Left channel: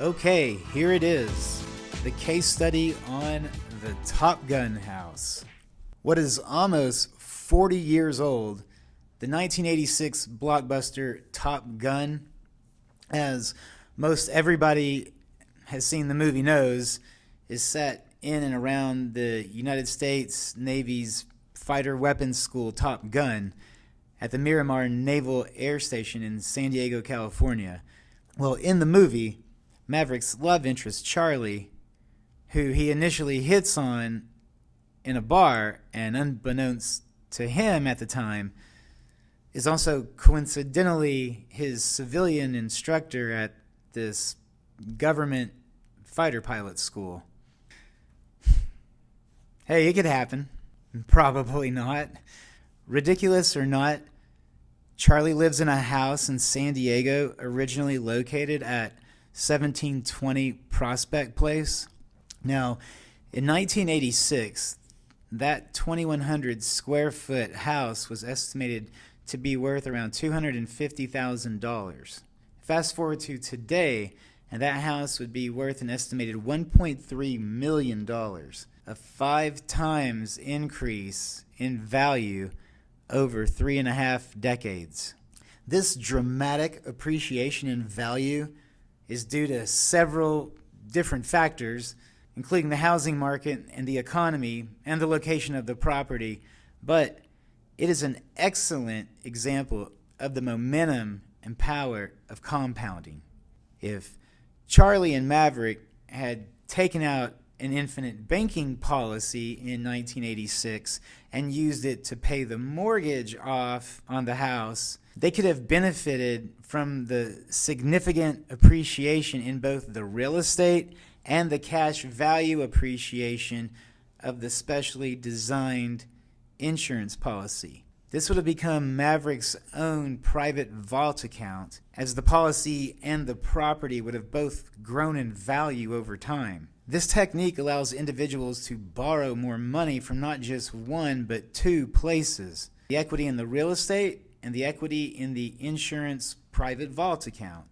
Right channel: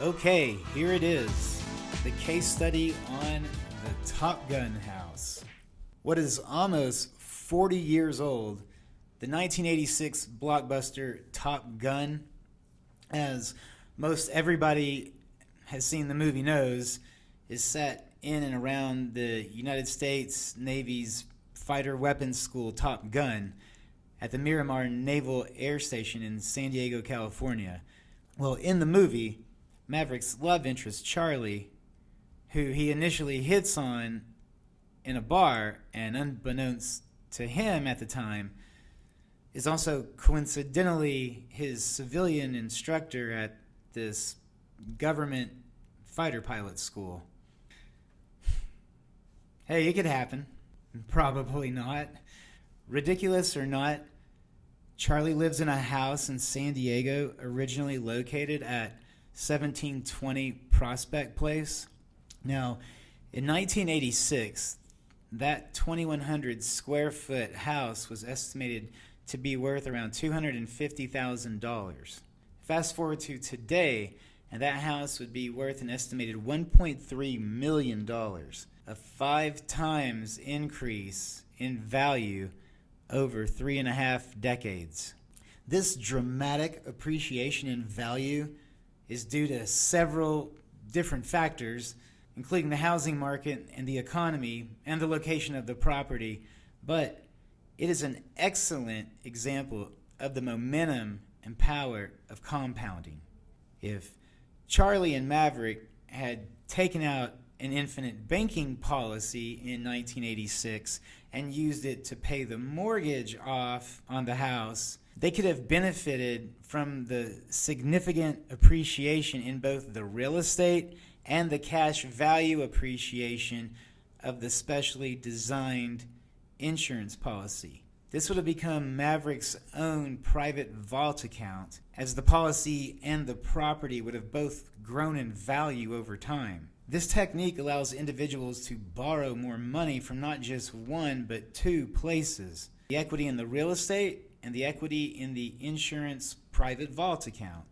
Okay, here it is, the case study on the Top Gun house. What is almost 40 years old, the 1986 blockbuster Top Gun, as most everybody has seen the movie knows, is set in and around the United States Navy's fighter weapons school Top Gun at the Miramar Naval Air Station in San Diego, California. Well, in the movie, Maverick's love interest, Charlie, who he initially hits on in a bar, and unbeknownst to him at the time, is also coincidentally his civilian instructor at this government fighter pilot school. Hey, it could happen. Probably not. Ridiculous or not, Charlie lives in a house in San Diego originally located at 1720 Prospect Place. Now, in 1986, that 2,100 square foot house was estimated to be worth around $250,000. Fast forward to today, and that house would be worth an estimated $1.3 million, a 5 times increase in value over 3.5 decades. This dramatic appreciation in value is due to several different factors, including the housing market and the economy and the location of the property, but it is an excellent example of the momentum and power of compounding. If Charlie and Maverick had taken out an infinite banking policy in 1986 and used it to pay the mortgage off on the house, they could have benefited from the significant appreciation in both the real estate and the cash value appreciation of the specially designed insurance policy. This would have become Maverick's own private vault account, as the policy and the property would have both grown in value over time. This technique allows individuals to borrow more money from not just one but 2 places: the equity in the real estate and the equity in the insurance private vault account.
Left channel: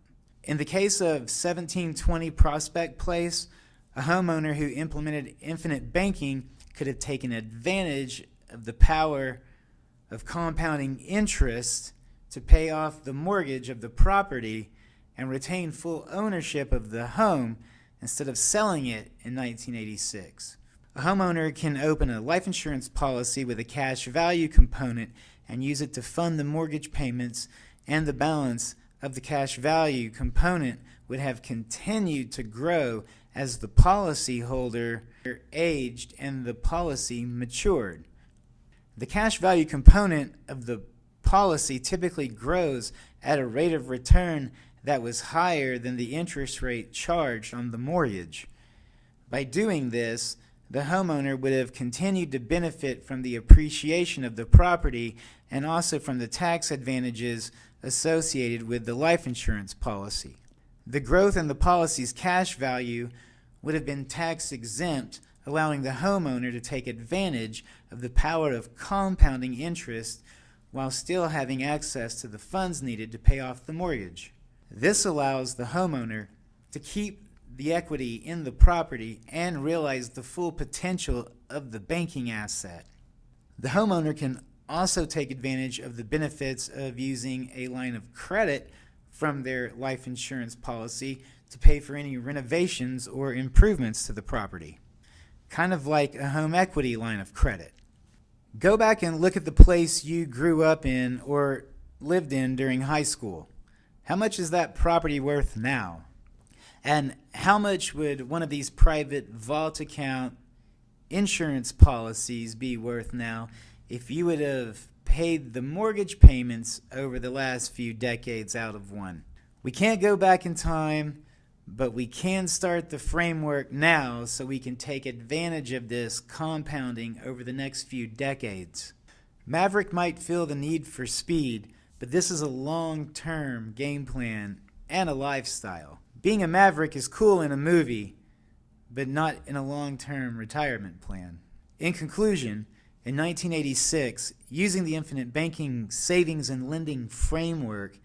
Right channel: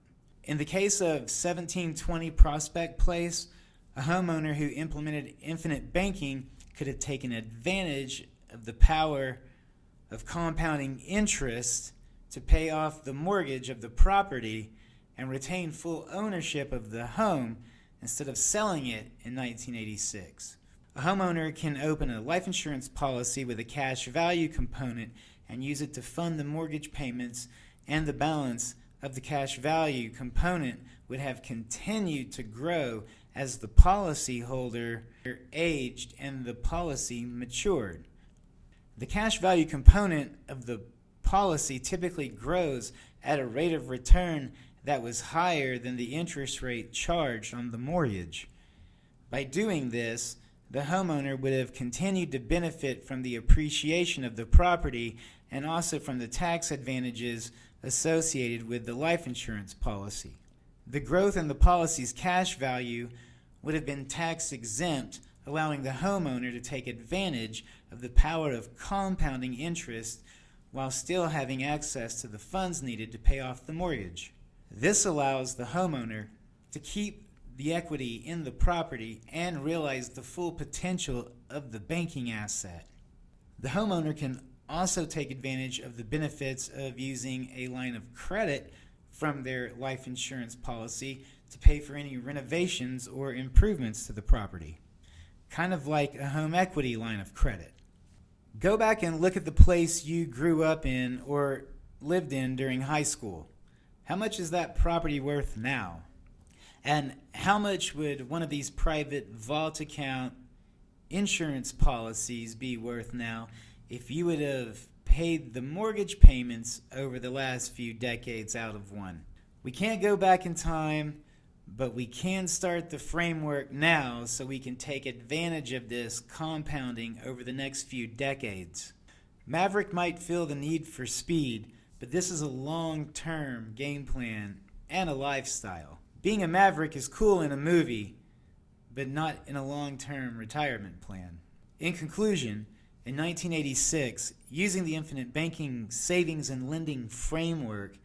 In the case of 1720 Prospect Place, a homeowner who implemented infinite banking could have taken advantage of the power of compounding interest to pay off the mortgage of the property and retain full ownership of the home instead of selling it in 1986. A homeowner can open a life insurance policy with a cash value component and use it to fund the mortgage payments, and the balance of the cash value component would have continued to grow as the policyholder aged and the policy matured. The cash value component of the policy typically grows at a rate of return that was higher than the interest rate charged on the mortgage. By doing this, the homeowner would have continued to benefit from the appreciation of the property and also from the tax advantages associated with the life insurance policy. The growth in the policy's cash value would have been tax exempt, allowing the homeowner to take advantage of the power of compounding interest while still having access to the funds needed to pay off the mortgage. This allows the homeowner to keep the equity in the property and realize the full potential of the banking asset. The homeowner can also take advantage of the benefits of using a line of credit from their life insurance policy to pay for any renovations or improvements to the property, kind of like a home equity line of credit. Go back and look at the place you grew up in or lived in during high school. How much is that property worth now? And how much would one of these private vault account insurance policies be worth now if you would have paid the mortgage payments over the last few decades out of one? We can't go back in time, but we can start the framework now so we can take advantage of this compounding over the next few decades. Maverick might feel the need for speed, but this is a long-term game plan and a lifestyle. Being a Maverick is cool in a movie, but not in a long-term retirement plan. In conclusion, in 1986, using the infinite banking savings and lending framework,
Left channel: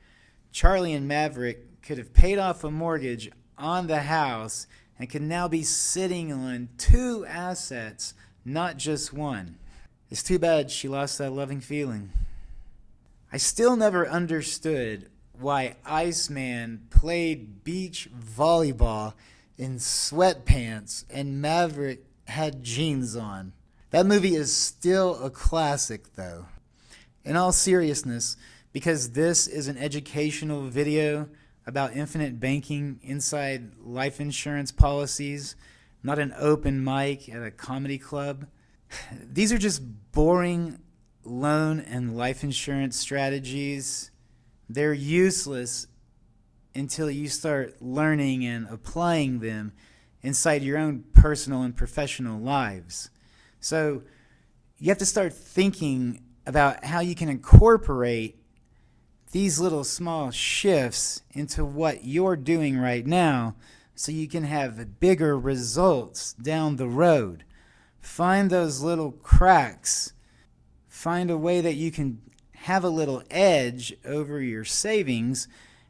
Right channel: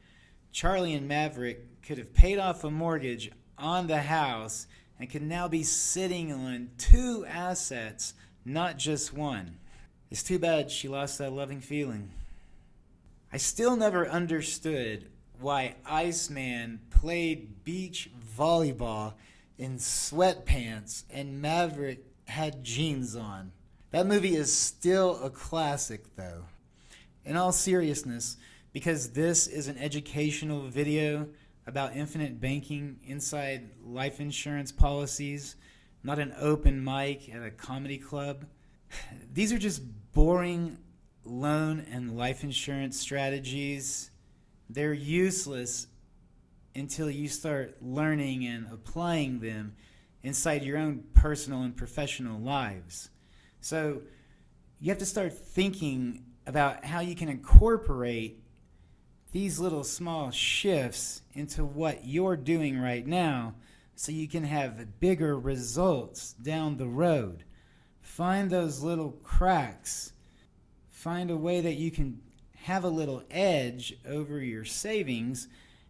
Charlie and Maverick could have paid off a mortgage on the house and can now be sitting on 2 assets, not just one. It's too bad she lost that loving feeling. I still never understood why Iceman played beach volleyball in sweatpants and Maverick had jeans on. That movie is still a classic, though. In all seriousness, because this is an educational video about infinite banking inside life insurance policies, not an open mic at a comedy club, these are just boring loan and life insurance strategies. They're useless until you start learning and applying them inside your own personal and professional lives. So you have to start thinking about how you can incorporate these little small shifts into what you're doing right now so you can have bigger results down the road. Find those little cracks. Find a way that you can have a little edge over your savings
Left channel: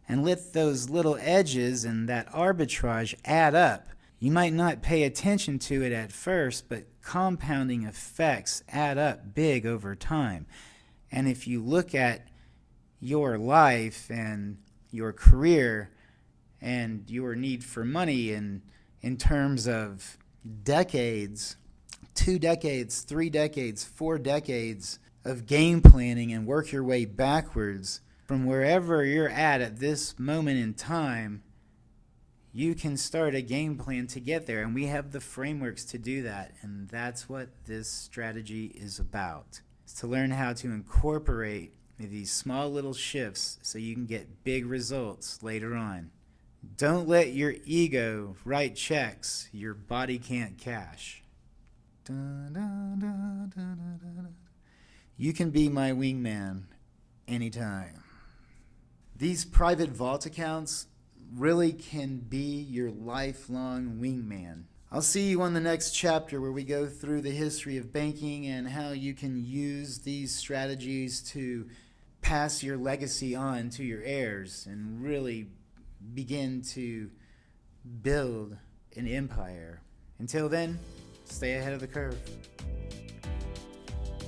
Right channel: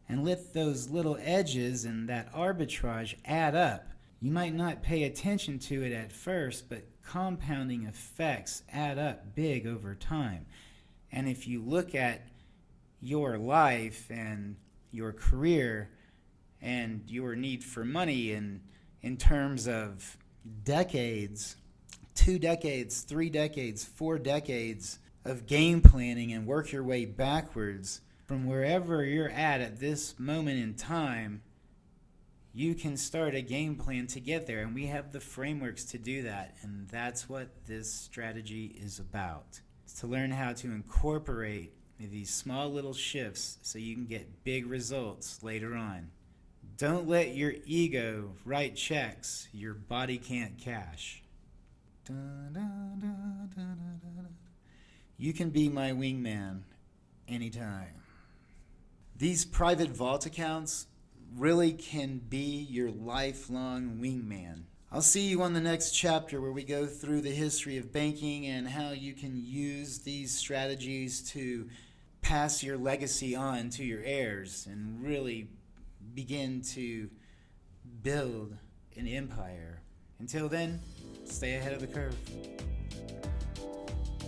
and let those little edges and that arbitrage add up. You might not pay attention to it at first, but compounding effects add up big over time. And if you look at your life and your career and your need for money in terms of decades, 2 decades, 3 decades, 4 decades of game planning, and work your way backwards from wherever you're at this moment in time, you can start a game plan to get there. And we have the frameworks to do that. And that's what this strategy is about. It's to learn how to incorporate these small little shifts so you can get big results later on. Don't let your ego write checks your body can't cash. You can be my wingman anytime. These private vault accounts really can be your lifelong wingman. I'll see you on the next chapter where we go through the history of banking and how you can use these strategies to pass your legacy on to your heirs and really begin to build an empire. Until then, stay ahead of the curve.